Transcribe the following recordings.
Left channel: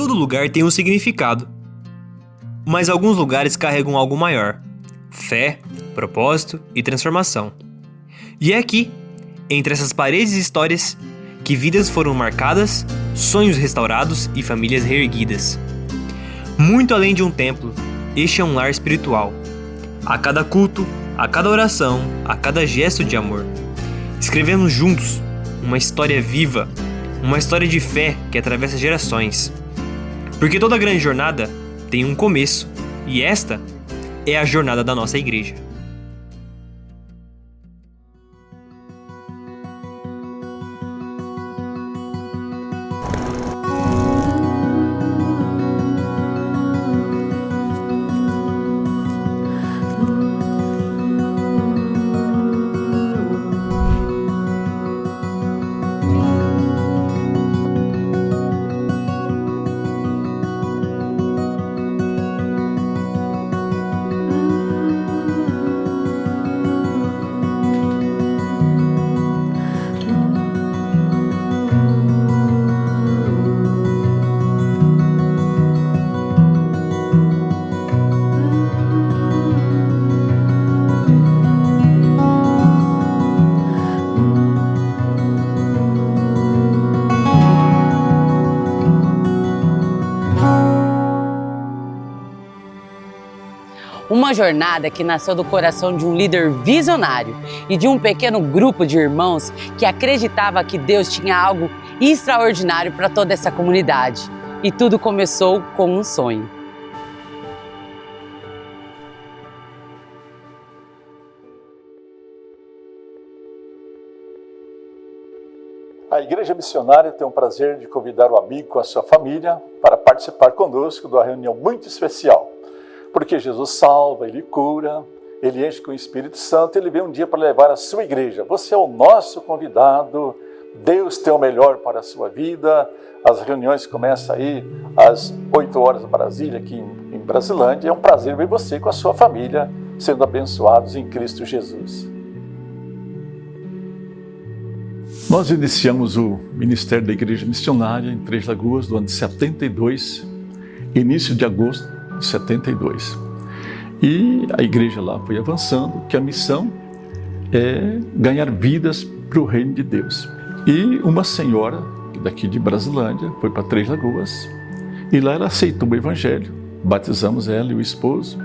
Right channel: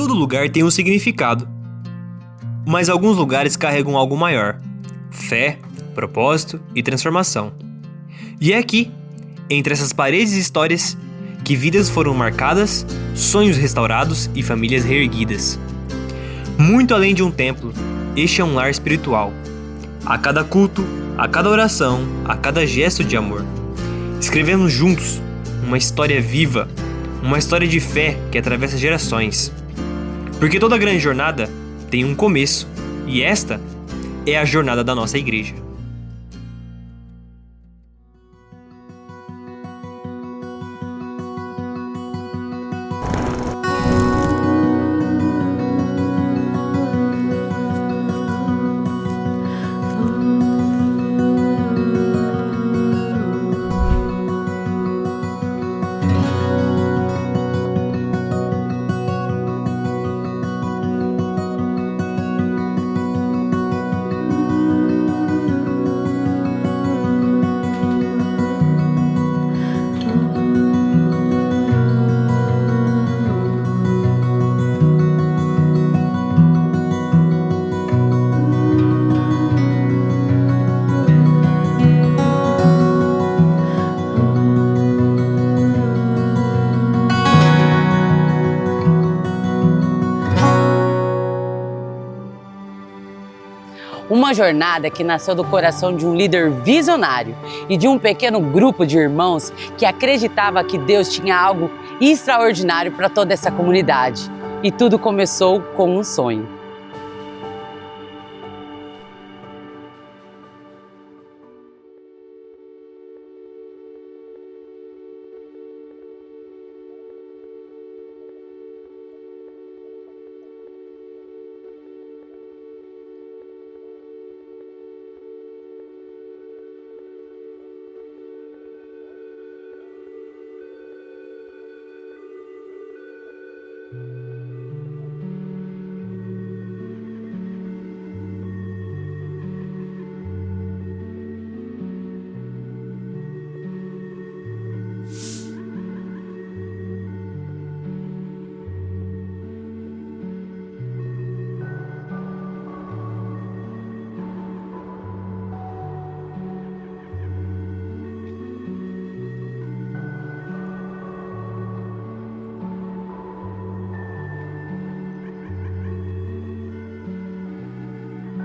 Todo lugar tem um significado, mas alguns lugares carregam algo maior: fé, propósito e transformação. E é aqui, entre essas paredes e histórias, que vidas foram marcadas, sonhos restaurados e famílias reerguidas. Muito além de um templo, este é um lar espiritual. A cada culto, a cada oração, a cada gesto de amor, escrevemos juntos uma história viva, uma história de fé que atravessa gerações. Porque toda grande jornada tem um começo, e esta é a jornada da nossa igreja. Uma jornada que nasceu do coração de um líder visionário e de um pequeno grupo de irmãos que acreditava que Deus tinha algo extraordinário para toda essa comunidade. E tudo começou com um sonho. A Igreja Missionária tem o prazer de convidar o amigo com a sua família para participar conosco de uma reunião muito especial. Porque Jesus salva, Ele cura, Ele enche com o Espírito Santo, Ele vem um dia para levar a sua igreja. Você é o nosso convidado, Deus tem o melhor para a sua vida. As reuniões começam aí às 8 horas em Brasília, aqui em Brasilândia. É um prazer ver você com a sua família sendo abençoados em Cristo Jesus. Nós iniciamos o Ministério da Igreja Missionária em Três Lagoas do ano de 72, início de agosto de 72. E a igreja lá foi avançando, que a missão é ganhar vidas para o reino de Deus. E uma senhora daqui de Brasilândia foi para Três Lagoas e lá ela aceitou o evangelho, batizamos ela e o esposo,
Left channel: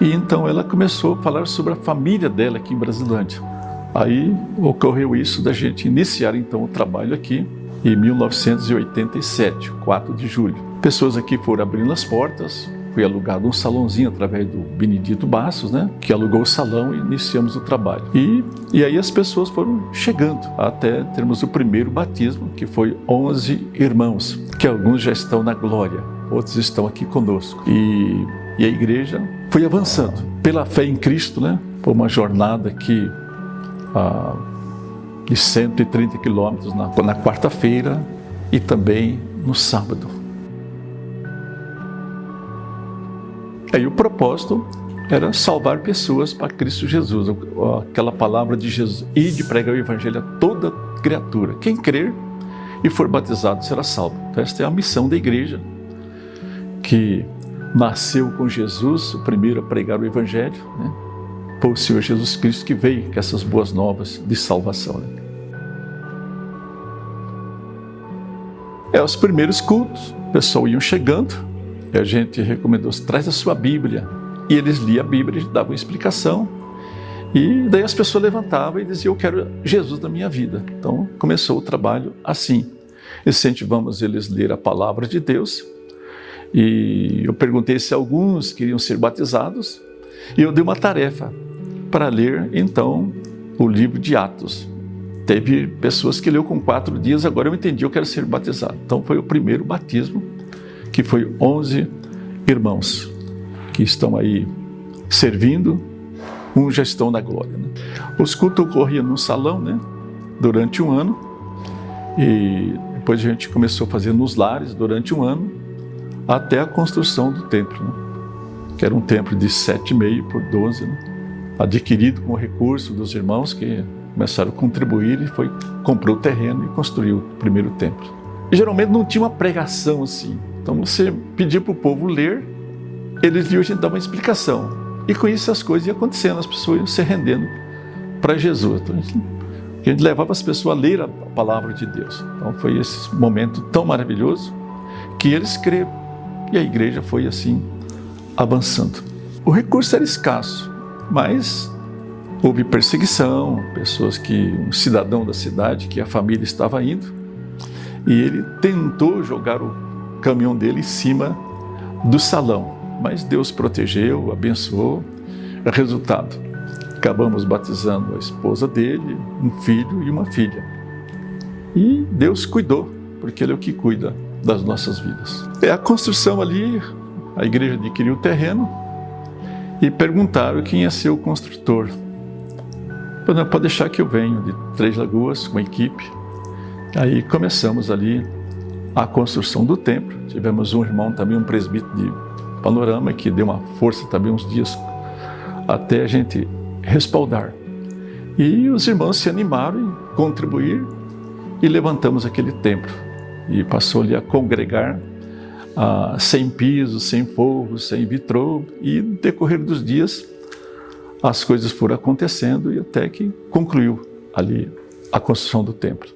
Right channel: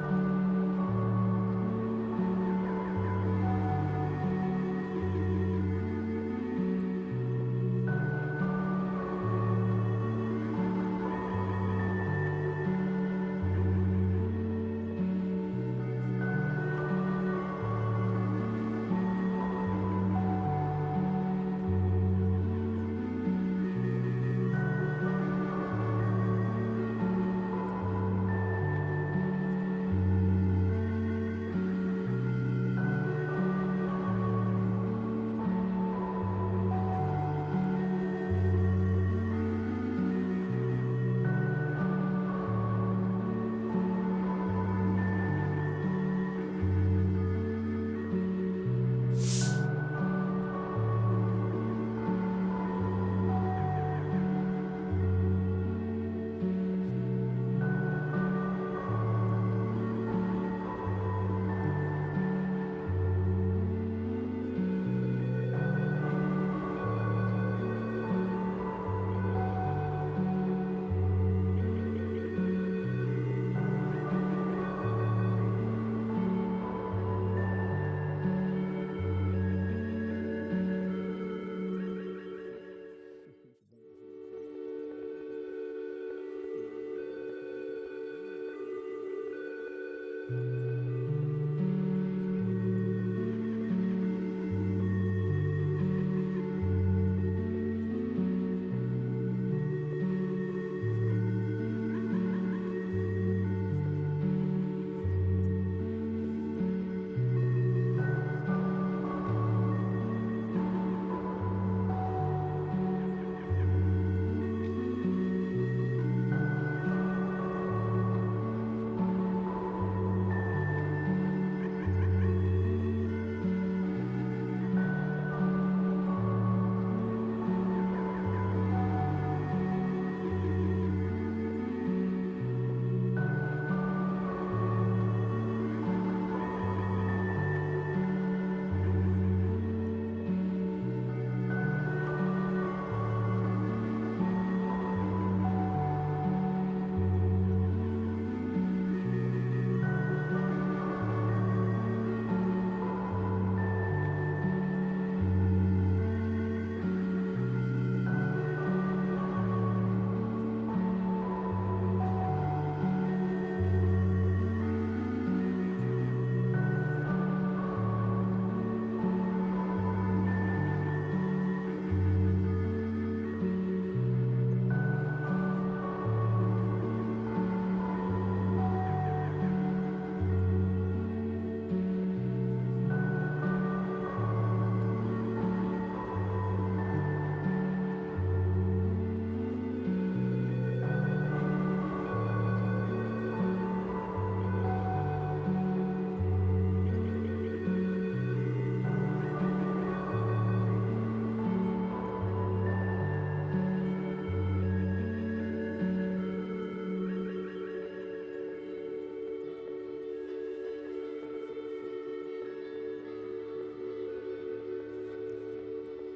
e então ela começou a falar sobre a família dela aqui em Brasilândia. Aí ocorreu isso da gente iniciar então o trabalho aqui em 1987, 4 de julho. Pessoas aqui foram abrindo as portas. Foi alugado um salãozinho através do Benedito Bastos, que alugou o salão e iniciamos o trabalho. E aí as pessoas foram chegando até termos o primeiro batismo, que foi 11 irmãos, que alguns já estão na glória, outros estão aqui conosco. E a igreja foi avançando pela fé em Cristo, Foi uma jornada que de 130 quilômetros na quarta-feira e também no sábado. Aí o propósito era salvar pessoas para Cristo Jesus, aquela palavra de Jesus, e de pregar o evangelho a toda criatura. Quem crer e for batizado será salvo. Então, esta é a missão da igreja, que nasceu com Jesus, o primeiro a pregar o evangelho, Foi o Senhor Jesus Cristo que veio com essas boas novas de salvação. Os primeiros cultos, o pessoal iam chegando, e a gente recomendou: traz a sua Bíblia. E eles liam a Bíblia e davam explicação. E daí as pessoas levantavam e diziam: eu quero Jesus na minha vida. Então começou o trabalho assim. Incentivamos eles a ler a palavra de Deus. E eu perguntei se alguns queriam ser batizados. E eu dei uma tarefa para ler então o livro de Atos. Teve pessoas que leu com 4 dias, agora eu entendi, eu quero ser batizado. Então foi o primeiro batismo, que foi 11 irmãos que estão aí servindo, uns já estão na glória. Os cultos ocorriam no salão, durante um ano, e depois a gente começou a fazer nos lares durante um ano, até a construção do templo, que era um templo de 7,5 por 12, adquirido com o recurso dos irmãos que começaram a contribuir e comprou o terreno e construiu o primeiro templo. E geralmente não tinha uma pregação assim. Então você pedia para o povo ler, eles liam, a gente dava uma explicação. E com isso as coisas iam acontecendo, as pessoas iam se rendendo para Jesus. Então, a gente levava as pessoas a ler a palavra de Deus. Então foi esse momento tão maravilhoso que eles creram. E a igreja foi assim, avançando. O recurso era escasso, mas houve perseguição, um cidadão da cidade, que a família estava indo, e ele tentou jogar o caminhão dele em cima do salão, mas Deus protegeu, abençoou. Resultado, acabamos batizando a esposa dele, um filho e uma filha. E Deus cuidou, porque Ele é o que cuida das nossas vidas. A construção ali, a igreja adquiriu o terreno e perguntaram quem ia ser o construtor. Não, pode deixar que eu venho de Três Lagoas com a equipe. Aí começamos ali a construção do templo. Tivemos um irmão também, um presbítero de Panorama, que deu uma força também uns dias até a gente respaldar. E os irmãos se animaram em contribuir e levantamos aquele templo. E passou ali a congregar sem piso, sem forro, sem vitrô. E no decorrer dos dias as coisas foram acontecendo e até que concluiu ali a construção do templo.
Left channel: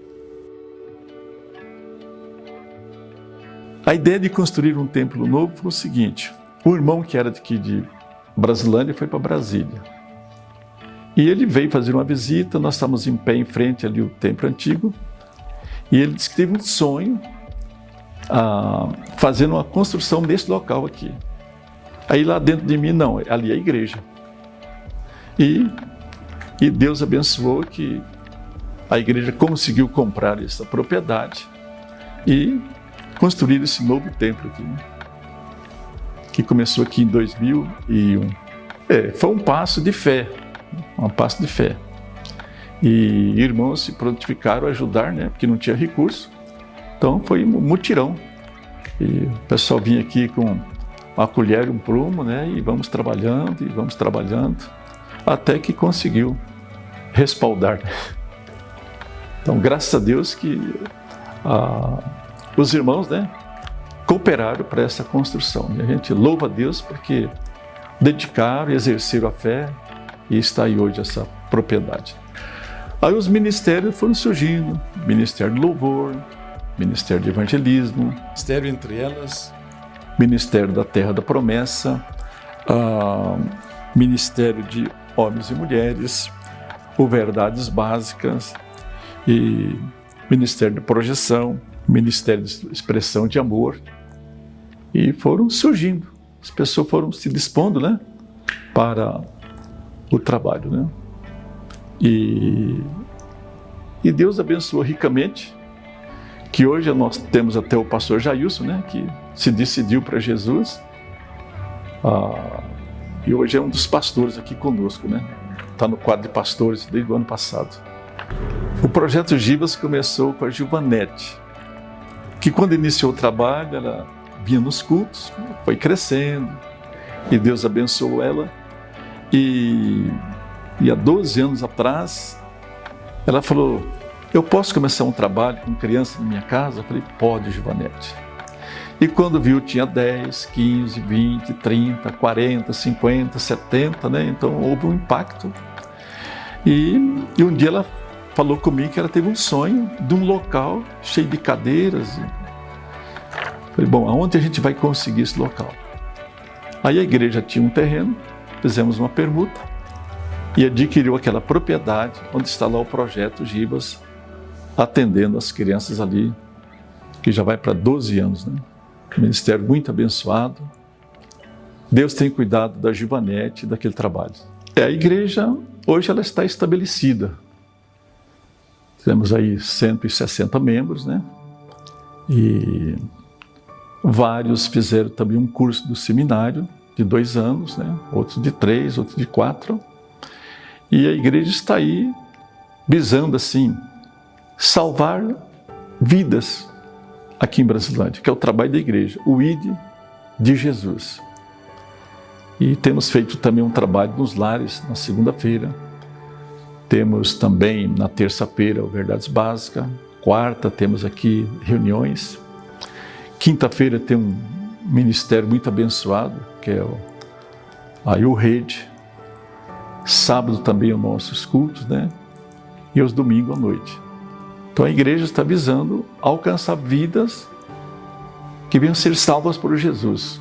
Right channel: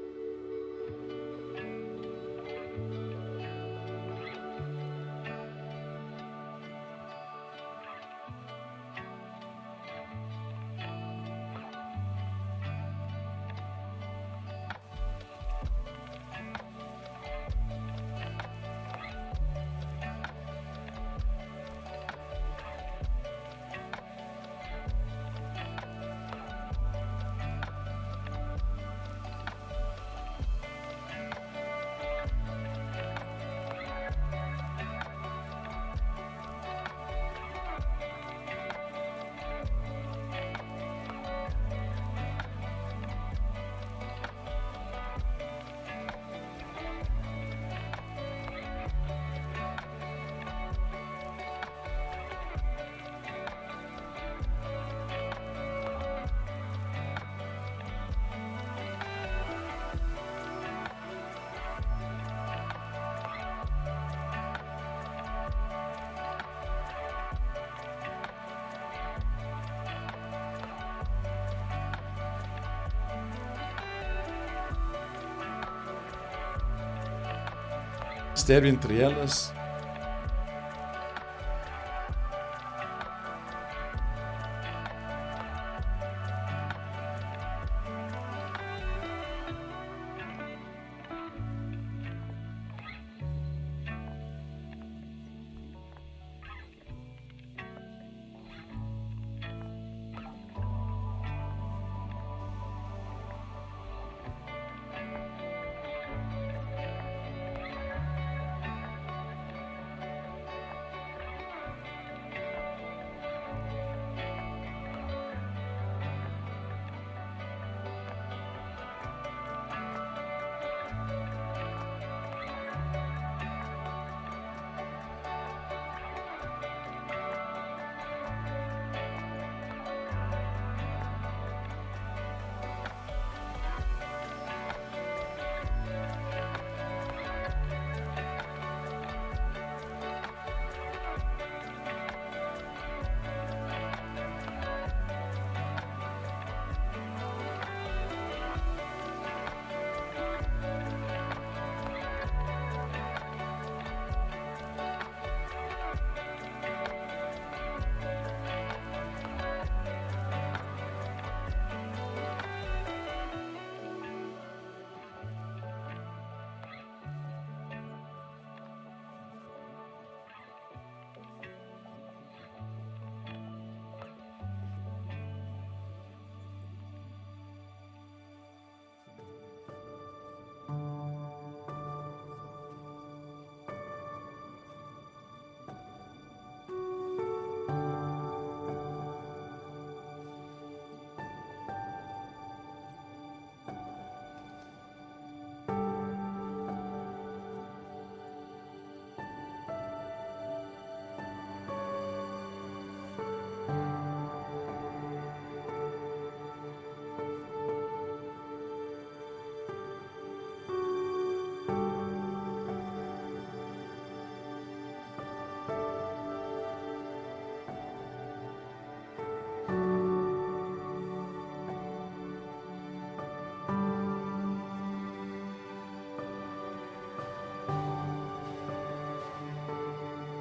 A ideia de construir um templo novo foi o seguinte: um irmão que era daqui de Brasilândia foi para Brasília. E ele veio fazer uma visita, nós estávamos em pé em frente ali ao templo antigo, e ele disse que teve um sonho fazendo uma construção nesse local aqui. Aí lá dentro de mim, não, ali é a igreja. E Deus abençoou que a igreja conseguiu comprar essa propriedade e construir esse novo templo aqui, que começou aqui em 2001. Foi um passo de fé, E irmãos se prontificaram a ajudar, né? Porque não tinha recurso. Então foi um mutirão. E o pessoal vinha aqui com uma colher e um prumo, né? E vamos trabalhando, até que conseguiu respaldar. Então, graças a Deus que os irmãos, né, cooperaram para essa construção. E a gente louva a Deus porque dedicaram e exerceram a fé e está aí hoje essa propriedade. Aí os ministérios foram surgindo, Ministério do Louvor, Ministério de Evangelismo, Ministério entre elas, Ministério da Terra da Promessa, Ministério de Homens e Mulheres, o Verdades Básicas, e Ministério de Projeção, Ministério de Expressão de Amor. E foram surgindo, as pessoas foram se dispondo, né, para o trabalho, né? E Deus abençoou ricamente, que hoje nós temos até o pastor Jailson, né, que se decidiu para Jesus, e hoje é um dos pastores aqui conosco, né? Está no quadro de pastores desde o ano passado. O projeto Givas começou com a Gilvanete, que quando iniciou o trabalho, ela vinha nos cultos, foi crescendo, e Deus abençoou ela. E há 12 anos atrás, ela falou: eu posso começar um trabalho com criança na minha casa? Eu falei: pode, Gilvanete. E quando viu, tinha 10, 15, 20, 30, 40, 50, 70, né? Então houve um impacto. E um dia ela falou comigo que ela teve um sonho de um local cheio de cadeiras. Falei: bom, aonde a gente vai conseguir esse local? Aí a igreja tinha um terreno, fizemos uma permuta e adquiriu aquela propriedade onde está lá o projeto Givas, atendendo as crianças ali, que já vai para 12 anos, né? Ministério muito abençoado. Deus tem cuidado da Gilvanete e daquele trabalho. A igreja, hoje ela está estabelecida. Temos aí 160 membros, né? E vários fizeram também um curso do seminário de 2 anos, né? Outros de 3, outros de 4. E a igreja está aí visando, assim, salvar vidas aqui em Brasilândia, que é o trabalho da igreja, o ID de Jesus. E temos feito também um trabalho nos lares na segunda-feira. Temos também na terça-feira o Verdades Básicas. Quarta temos aqui reuniões Quinta-feira tem um ministério muito abençoado, que é a U-Rede. Sábado também os nossos cultos, né? E aos domingos à noite. Então a igreja está visando alcançar vidas que venham ser salvas por Jesus.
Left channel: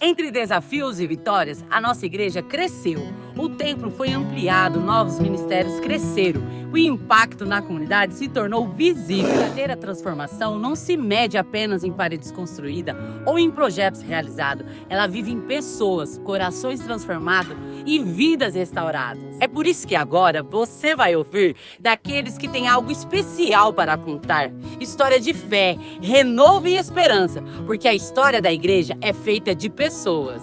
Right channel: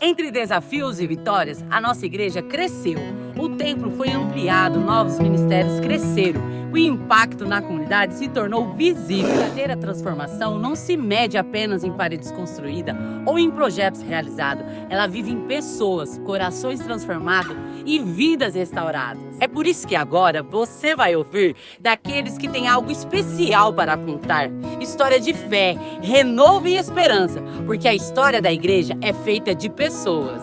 Entre desafios e vitórias, a nossa igreja cresceu. O templo foi ampliado, novos ministérios cresceram. O impacto na comunidade se tornou visível. A verdadeira transformação não se mede apenas em paredes construídas ou em projetos realizados. Ela vive em pessoas, corações transformados e vidas restauradas. É por isso que agora você vai ouvir daqueles que têm algo especial para contar. História de fé, renovo e esperança, porque a história da igreja é feita de pessoas.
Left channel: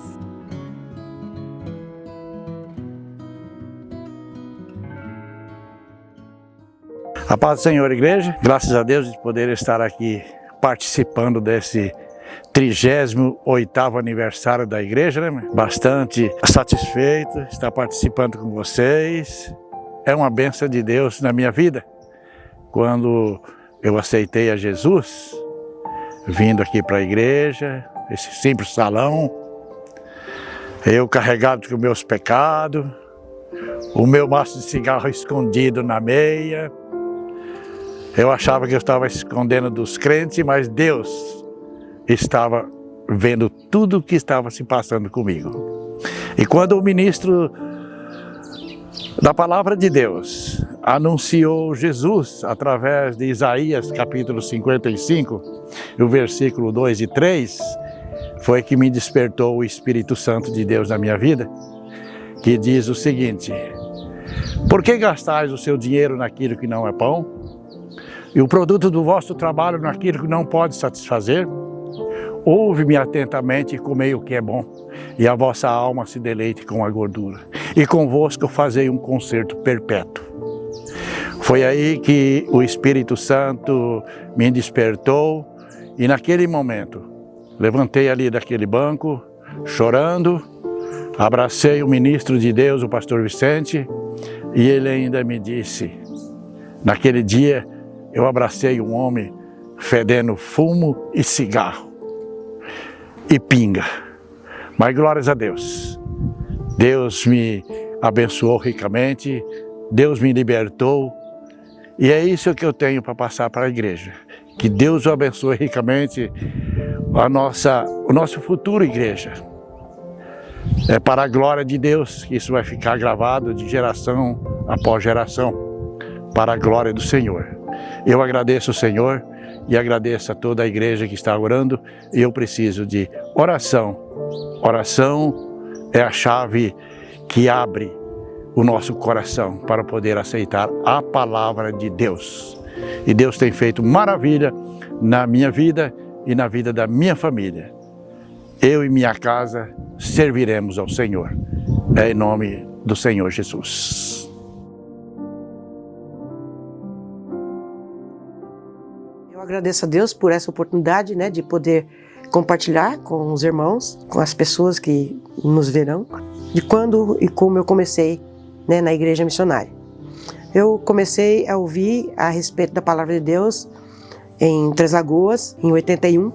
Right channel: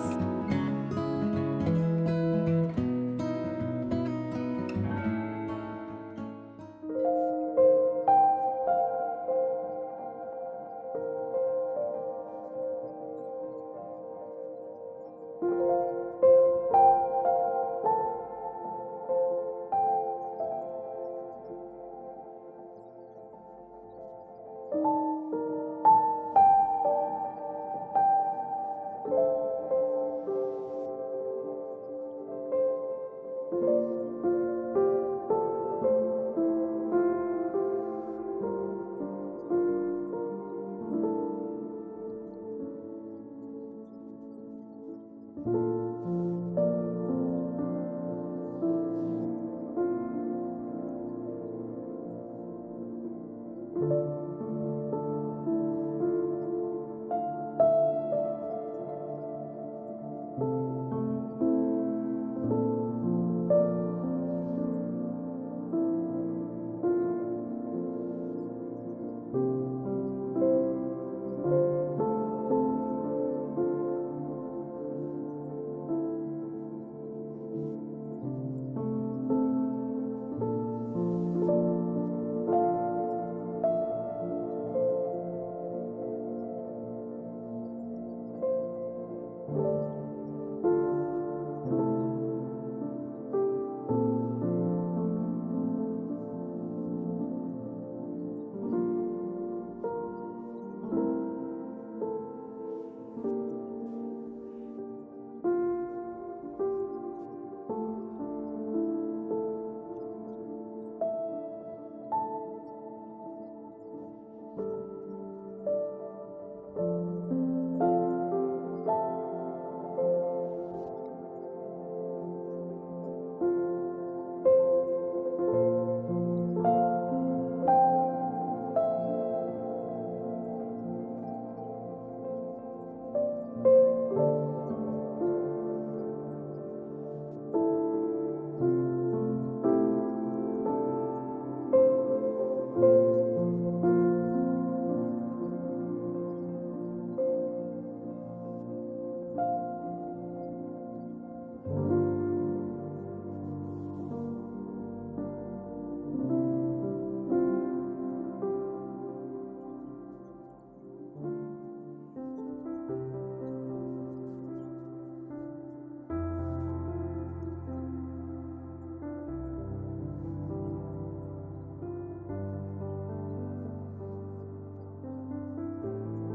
A paz do Senhor, igreja. Graças a Deus de poder estar aqui participando desse 38º aniversário da igreja, né? Bastante satisfeito de estar participando com vocês. É uma bênção de Deus na minha vida. Quando eu aceitei a Jesus, vindo aqui para a igreja, esse simples salão, eu carregado com meus pecados, o meu maço de cigarro escondido na meia. Eu achava que eu estava escondendo dos crentes, mas Deus estava vendo tudo o que estava se passando comigo. E quando o ministro da palavra de Deus anunciou Jesus através de Isaías capítulo 55, o versículo 2 e 3, foi que me despertou o Espírito Santo de Deus na minha vida, que diz o seguinte: por que gastais o seu dinheiro naquilo que não é pão? E o produto do vosso trabalho naquilo que não pode satisfazer? Ouve-me atentamente e comei o que é bom, e a vossa alma se deleite com a gordura. E convosco fazei um concerto perpétuo. Foi aí que o Espírito Santo me despertou, e naquele momento, levantei ali daquele banco, chorando, abracei o ministro de Deus, o pastor Vicente, e ele ainda me disse, naquele dia, eu abracei um homem fedendo fumo e cigarro e pinga. Mas glórias a Deus. Deus me abençoou ricamente, Deus me libertou. E é isso que eu tenho para passar para a igreja. Que Deus o abençoe ricamente o nosso futuro, igreja. É para a glória de Deus que isso vai ficar gravado de geração após geração, para a glória do Senhor. Eu agradeço o Senhor e agradeço a toda a igreja que está orando, e eu preciso de oração. Oração é a chave que abre o nosso coração para poder aceitar a palavra de Deus. E Deus tem feito maravilha na minha vida e na vida da minha família. Eu e minha casa serviremos ao Senhor. É em nome do Senhor Jesus. Eu agradeço a Deus por essa oportunidade, né, de poder compartilhar com os irmãos, com as pessoas que nos verão, de quando e como eu comecei, né, na igreja missionária. Eu comecei a ouvir a respeito da palavra de Deus em Três Lagoas, em 81,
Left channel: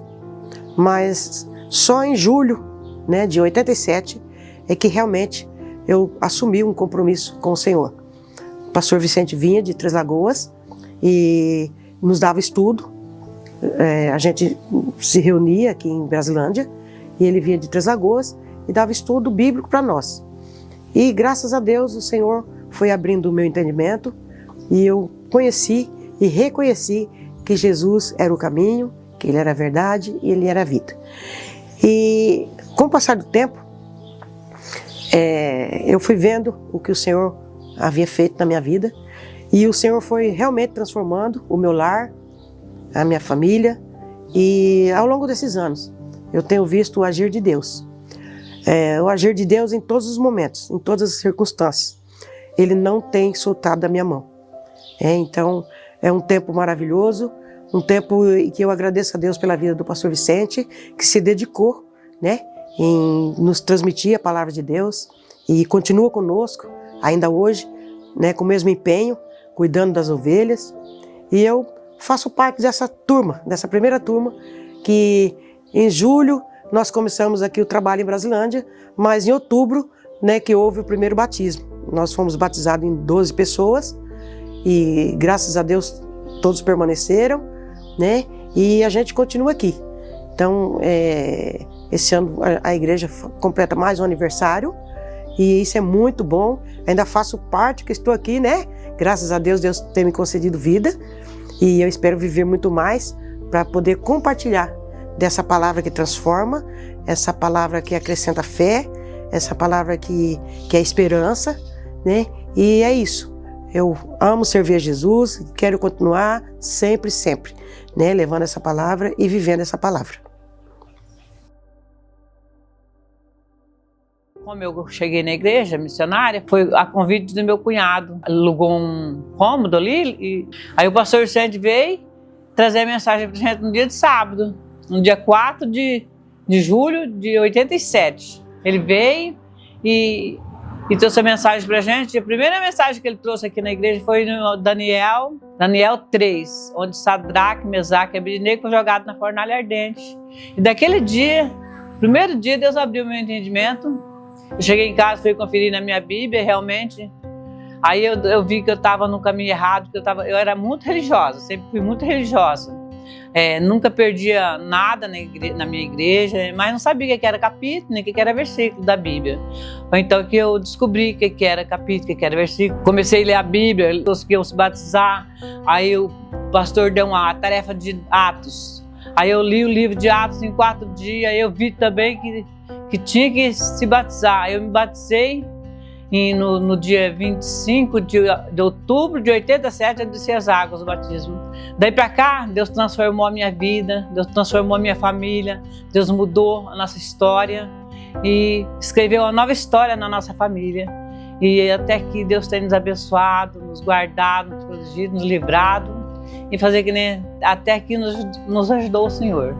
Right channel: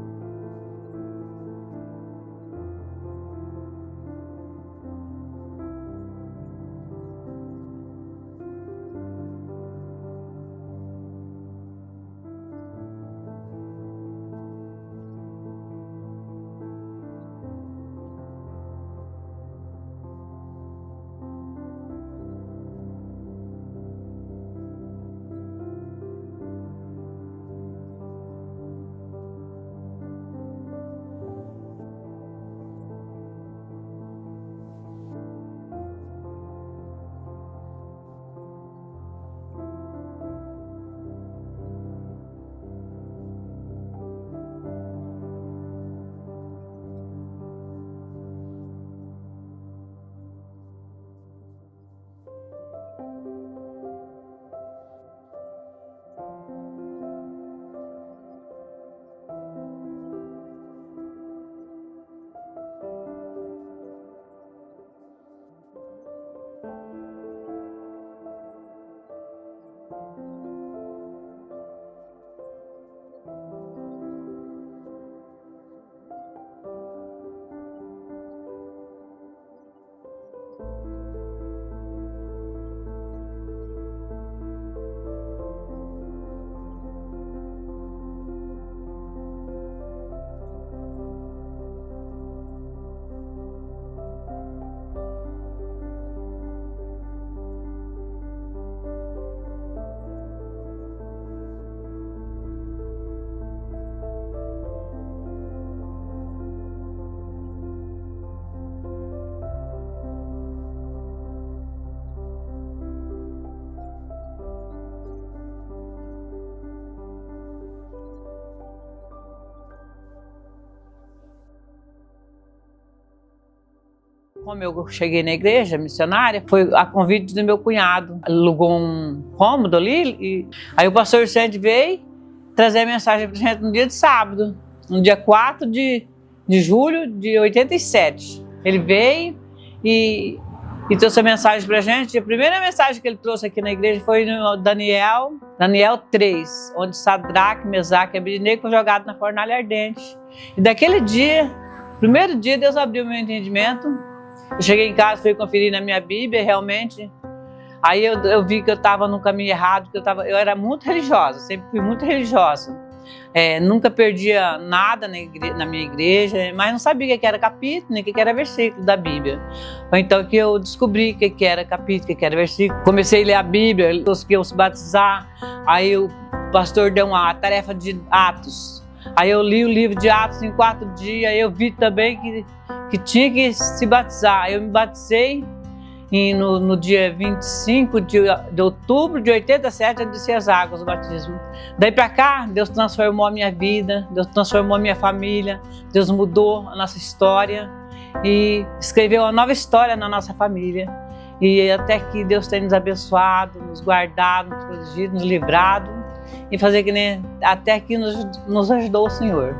mas só em julho, né, de 87 é que realmente eu assumi um compromisso com o Senhor. O pastor Vicente vinha de Três Lagoas e nos dava estudo. A gente se reunia aqui em Brasilândia e ele vinha de Três Lagoas e dava estudo bíblico para nós. E graças a Deus o Senhor foi abrindo o meu entendimento e eu conheci e reconheci que Jesus era o caminho, que Ele era a verdade e Ele era a vida. E com o passar do tempo, eu fui vendo o que o Senhor havia feito na minha vida e o Senhor foi realmente transformando o meu lar, a minha família, e ao longo desses anos eu tenho visto o agir de Deus. O agir de Deus em todos os momentos, em todas as circunstâncias. Ele não tem soltado da minha mão. Então, é um tempo maravilhoso, um tempo em que eu agradeço a Deus pela vida do pastor Vicente, que se dedicou, né, em nos transmitir a palavra de Deus e continua conosco, ainda hoje, né, com o mesmo empenho, cuidando das ovelhas. E eu faço parte dessa turma, dessa primeira turma, que em julho nós começamos aqui o trabalho em Brasilândia, mas em outubro, né, que houve o primeiro batismo. Nós fomos batizados em 12 pessoas e graças a Deus todos permaneceram, né, e a gente continua aqui. Então, esse ano a igreja completa mais um aniversário e isso é muito bom. Ainda faço parte, que estou aqui, né? Graças a Deus, Deus tem me concedido vida e eu espero viver muito mais para poder compartilhar dessa palavra que transforma, essa palavra que acrescenta fé, essa palavra que é esperança, né? E é isso. Eu amo servir a Jesus, quero continuar sempre, sempre, né? Levando essa palavra e vivendo essa palavra. Como eu cheguei na igreja missionária, foi a convite do meu cunhado. Alugou um cômodo ali, e aí o pastor Vicente veio trazer a mensagem pra gente no dia de sábado, no dia 4 de julho de 87. Ele veio e trouxe a mensagem pra gente. A primeira mensagem que ele trouxe aqui na igreja foi no Daniel 3, onde Sadraque, Mesaque e Abednego foram jogados na fornalha ardente. E daquele dia, primeiro dia, Deus abriu meu entendimento. Eu cheguei em casa, fui conferir na minha Bíblia, realmente. Aí eu vi que eu estava no caminho errado, que eu era muito religiosa, sempre fui muito religiosa. Nunca perdia nada na minha igreja, mas não sabia o que era capítulo, nem o que era versículo da Bíblia. Foi então que eu descobri o que era capítulo, o que era versículo. Comecei a ler a Bíblia, consegui se batizar, aí o pastor deu uma tarefa de Atos. Aí eu li o livro de Atos em 4 dias, aí eu vi também que tinha que se batizar. Eu me batizei e no dia 25 de outubro de 87 eu desci as águas do batismo. Daí para cá, Deus transformou a minha vida, Deus transformou a minha família, Deus mudou a nossa história e escreveu uma nova história na nossa família. E até que Deus tem nos abençoado, nos guardado, nos protegido, nos livrado e fazer que nem até aqui nos ajudou o Senhor.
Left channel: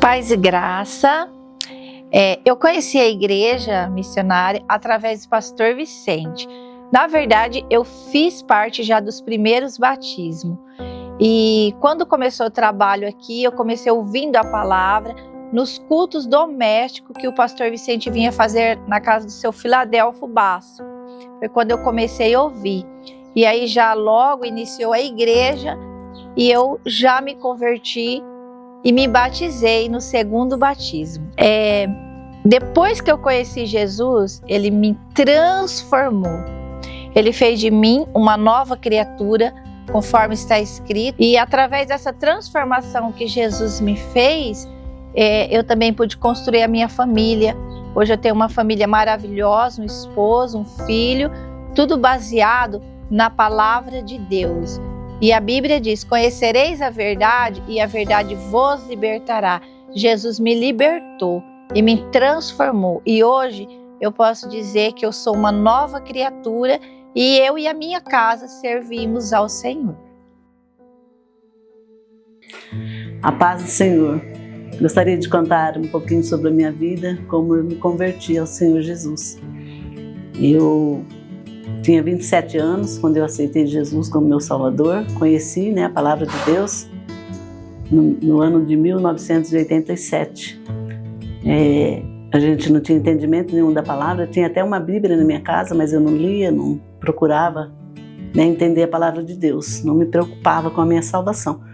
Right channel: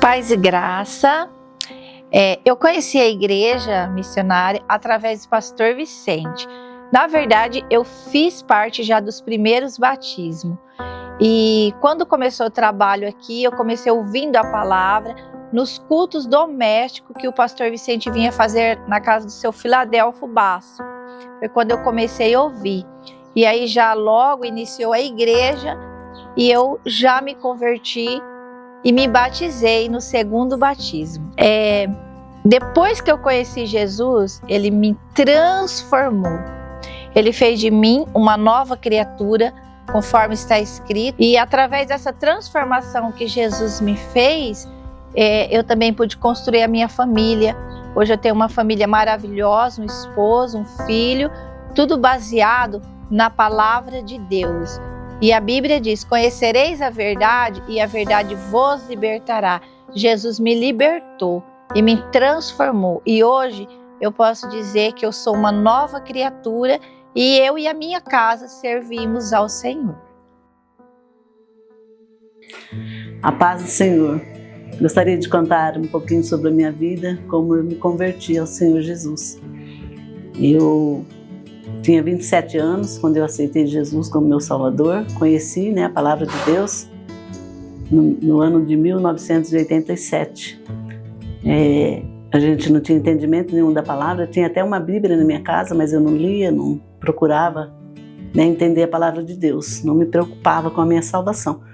Paz e graça. Eu conheci a igreja missionária através do pastor Vicente. Na verdade, eu fiz parte já dos primeiros batismos. E quando começou o trabalho aqui, eu comecei ouvindo a palavra nos cultos domésticos que o pastor Vicente vinha fazer na casa do seu Filadelfo Basso. Foi quando eu comecei a ouvir. E aí já logo iniciou a igreja e eu já me converti e me batizei no segundo batismo. Depois que eu conheci Jesus, ele me transformou. Ele fez de mim uma nova criatura, conforme está escrito. E através dessa transformação que Jesus me fez, eu também pude construir a minha família. Hoje eu tenho uma família maravilhosa, um esposo, um filho, tudo baseado na palavra de Deus. E a Bíblia diz: conhecereis a verdade e a verdade vos libertará. Jesus me libertou e me transformou. E hoje eu posso dizer que eu sou uma nova criatura e eu e a minha casa servimos ao Senhor. A paz do Senhor. Gostaria de contar um pouquinho sobre a minha vida, como eu me converti ao Senhor Jesus. Eu tinha 27 anos quando eu aceitei Jesus como meu Salvador. Conheci, a palavra de Deus no ano de 1987. A gente não tinha entendimento nenhum da palavra. Tinha até uma Bíblia na minha casa, mas eu não lia, não procurava entender a palavra de Deus. Não me preocupava com a minha salvação.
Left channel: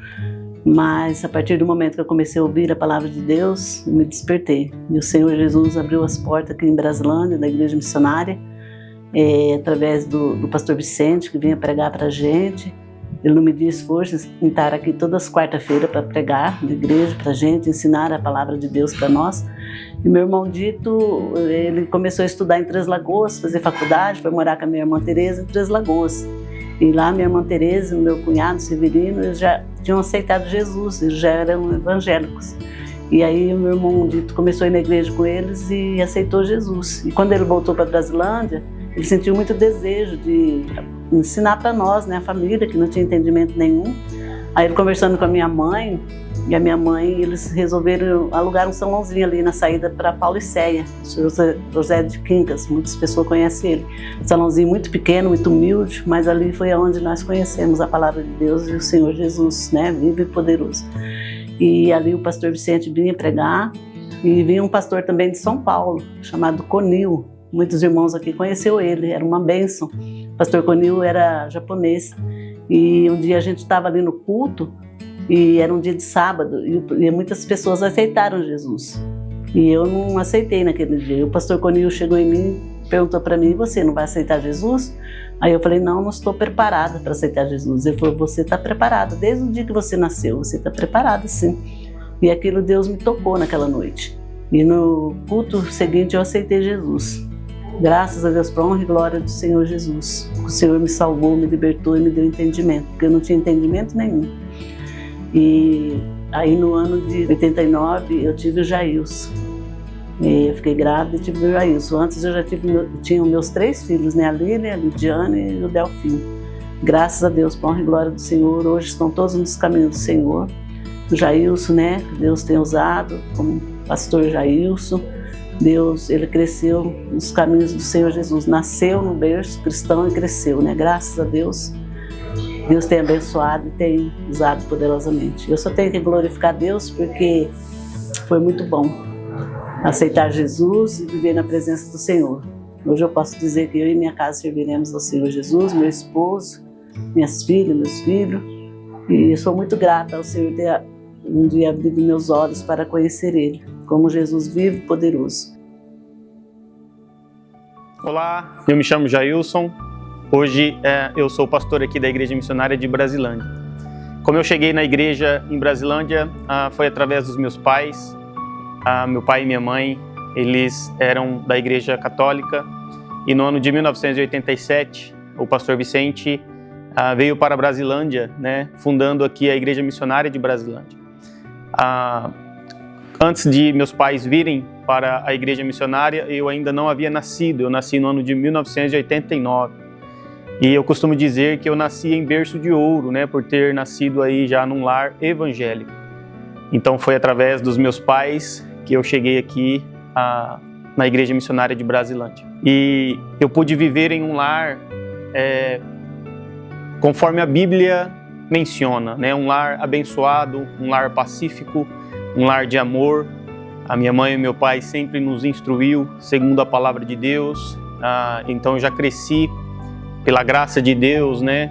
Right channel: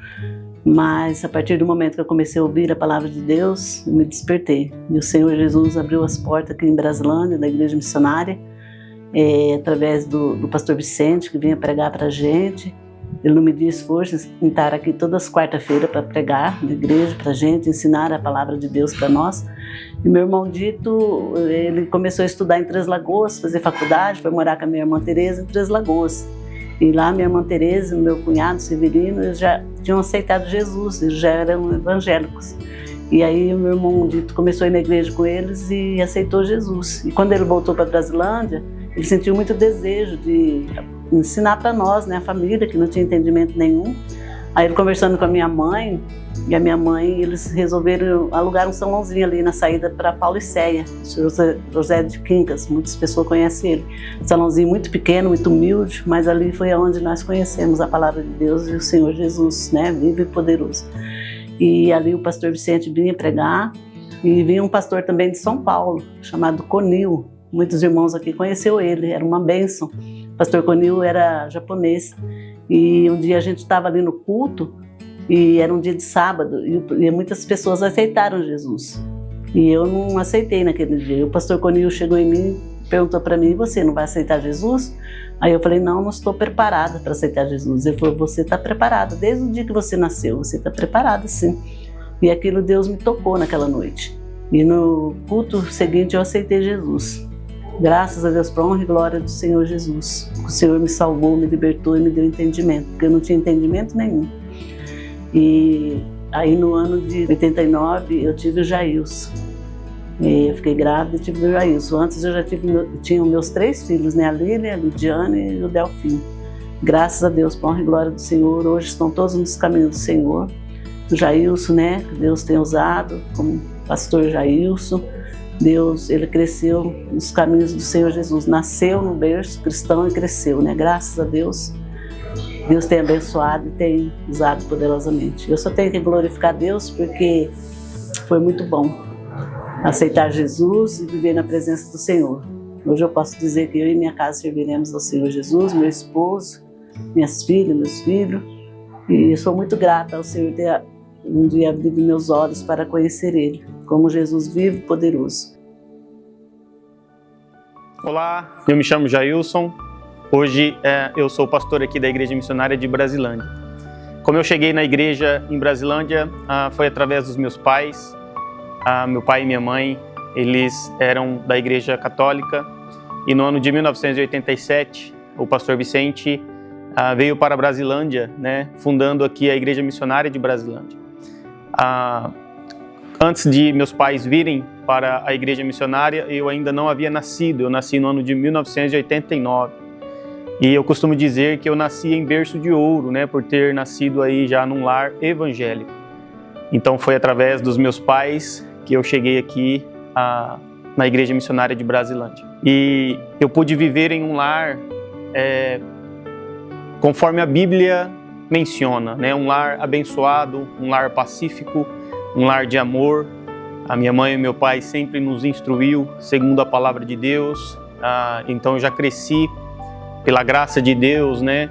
Mas a partir do momento que eu comecei a ouvir a palavra de Deus, eu me despertei. E o Senhor Jesus abriu as portas aqui em Brasilândia, da igreja missionária, através do pastor Vicente, que vinha pregar para a gente. Ele não me disse força em estar aqui todas as quarta-feiras para pregar na igreja para a gente, ensinar a palavra de Deus para nós. E meu irmão Dito, ele começou a estudar em Três Lagoas, fazer faculdade, foi morar com a minha irmã Tereza em Três Lagoas. E lá minha irmã Tereza e meu cunhado Severino, eles já tinham aceitado Jesus, eles já eram evangélicos. E aí o meu irmão Dito começou a ir na igreja com eles e aceitou Jesus. E quando ele voltou para Brasilândia, ele sentiu muito desejo de ensinar para nós, a família, que não tinha entendimento nenhum. Aí ele conversando com a minha mãe, e a minha mãe, eles resolveram alugar um salãozinho ali na saída para Paulicéia, José de Quincas, muitas pessoas conhecem ele. Um salãozinho muito pequeno, muito humilde, mas ali foi onde nós conhecemos a palavra de Deus e o Senhor Jesus, né, vivo e poderoso. E ali o pastor Vicente vinha pregar, e vinha um pastor também de São Paulo, chamado Conil. Muitos irmãos aqui conheceu ele, era uma bênção. O pastor Conil era japonês. E um dia a gente estava ali no culto, e era um dia de sábado, e muitas pessoas aceitaram Jesus. E eu não aceitei naquele dia. E o pastor Conil chegou em mim e perguntou para mim: você não vai aceitar Jesus? Aí eu falei: não estou preparada para aceitar Jesus. Ele falou: você está preparada, desde o dia que você nasceu, você está preparada sim. E aquilo Deus me tocou naquela noite. E no culto seguinte eu aceitei Jesus. Graças a Deus, para a honra e glória do Senhor Jesus. O Senhor me salvou, me libertou e me deu entendimento, porque eu não tinha entendimento nenhum. E aí no ano de 89 eu tive o Jailson. E eu fiquei grávida e tive o Jailson. Antes eu já tinha meus 3 filhos, né? A Lília, a Lidiane e o Delfim. Graças a Deus, para a honra e glória do Senhor, hoje estão todos nos caminhos do Senhor. O Jailson, né? Que Deus tem usado como pastor Jailson. Deus, ele cresceu nos caminhos do Senhor Jesus, nasceu no berço cristão e cresceu, né? Graças a Deus, Deus tem abençoado e tem usado poderosamente. Eu só tenho que glorificar a Deus porque foi muito bom aceitar Jesus e viver na presença do Senhor. Hoje eu posso dizer que eu e minha casa serviremos ao Senhor Jesus, meu esposo, minhas filhas, meus filhos, e eu sou muito grata ao Senhor ter um dia abrido meus olhos para conhecer Ele, como Jesus vivo e poderoso. Olá, eu me chamo Jailson. Hoje eu sou pastor aqui da Igreja Missionária de Brasilândia. Como eu cheguei na igreja em Brasilândia, foi através dos meus pais. Meu pai e minha mãe, eles eram da Igreja Católica. E no ano de 1987, o pastor Vicente veio para Brasilândia, né, fundando aqui a Igreja Missionária de Brasilândia. Antes de meus pais virem para a Igreja Missionária, eu ainda não havia nascido. Eu nasci no ano de 1989. E eu costumo dizer que eu nasci em berço de ouro, né, por ter nascido aí já num lar evangélico. Então foi através dos meus pais que eu cheguei aqui na Igreja Missionária de Brasilândia. E eu pude viver em um lar conforme a Bíblia menciona, né, um lar abençoado, um lar pacífico, um lar de amor. A minha mãe e meu pai sempre nos instruiu segundo a palavra de Deus. Então eu já cresci pela graça de Deus, né,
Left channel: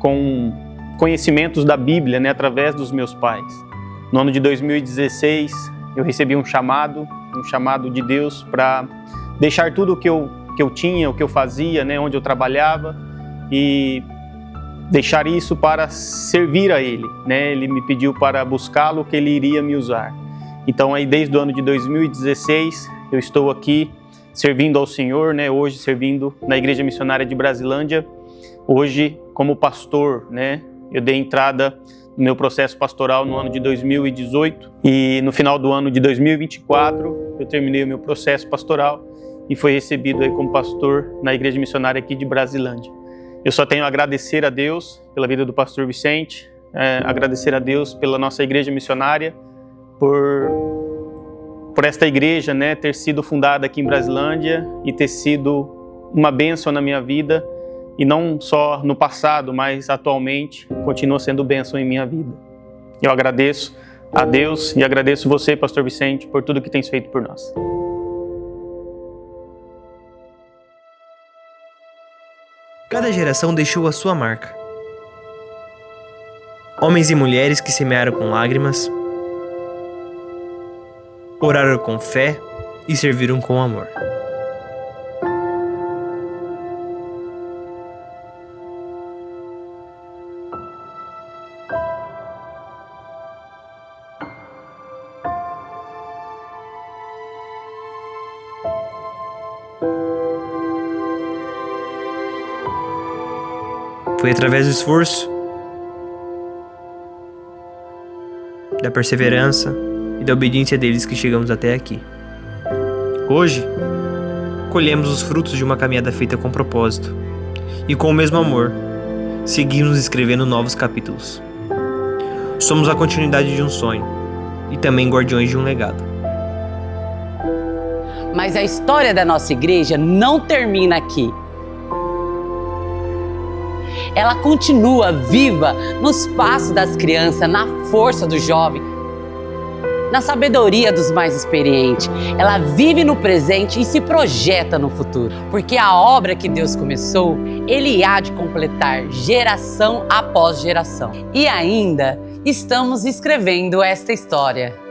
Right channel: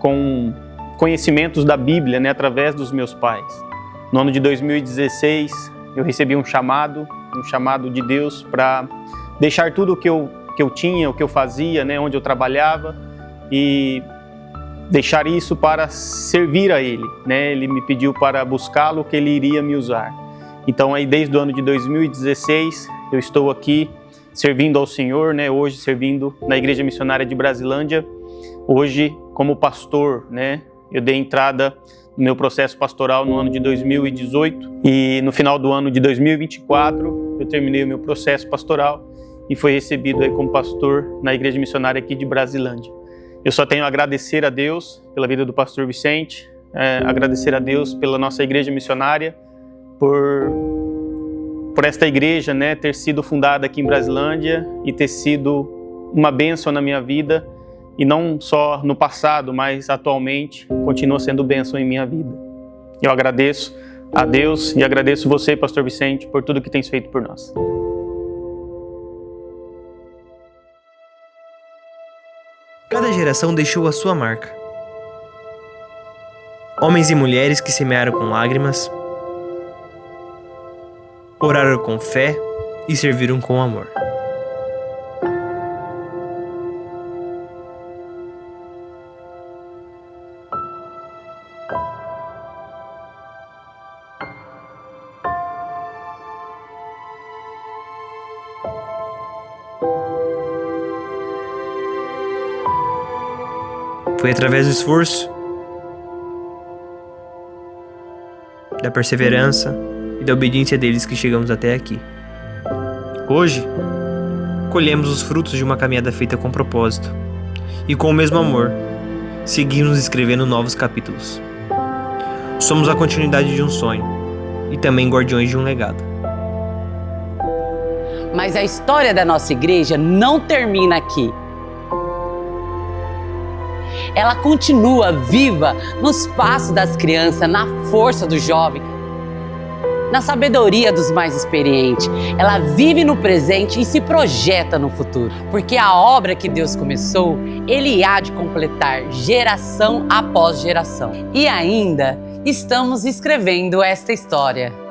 com conhecimentos da Bíblia, né, através dos meus pais. No ano de 2016 eu recebi um chamado de Deus para deixar tudo o que eu tinha, o que eu fazia, né, onde eu trabalhava, e deixar isso para servir a Ele, né? Ele me pediu para buscá-lo, que Ele iria me usar. Então aí desde o ano de 2016 eu estou aqui servindo ao Senhor, né? Hoje servindo na Igreja Missionária de Brasilândia. Hoje como pastor, né? Eu dei entrada no meu processo pastoral no ano de 2018 e no final do ano de 2024 eu terminei o meu processo pastoral e fui recebido aí como pastor na Igreja Missionária aqui de Brasilândia. Eu só tenho a agradecer a Deus pela vida do pastor Vicente, agradecer a Deus pela nossa igreja missionária, por esta igreja, né, ter sido fundada aqui em Brasilândia e ter sido uma bênção na minha vida, e não só no passado, mas atualmente continua sendo bênção em minha vida. Eu agradeço a Deus e agradeço você, pastor Vicente, por tudo que tens feito por nós. Cada geração deixou a sua marca. Homens e mulheres que semearam com lágrimas, oraram com fé e serviram com amor. Foi através do esforço, da perseverança e da obediência deles que chegamos até aqui. Hoje, colhemos os frutos de uma caminhada feita com propósito e com o mesmo amor, seguimos escrevendo novos capítulos. Somos a continuidade de um sonho e também guardiões de um legado. Mas a história da nossa igreja não termina aqui. Ela continua viva nos passos das crianças, na força do jovem, na sabedoria dos mais experientes. Ela vive no presente e se projeta no futuro. Porque a obra que Deus começou, Ele há de completar geração após geração. E ainda estamos escrevendo esta história.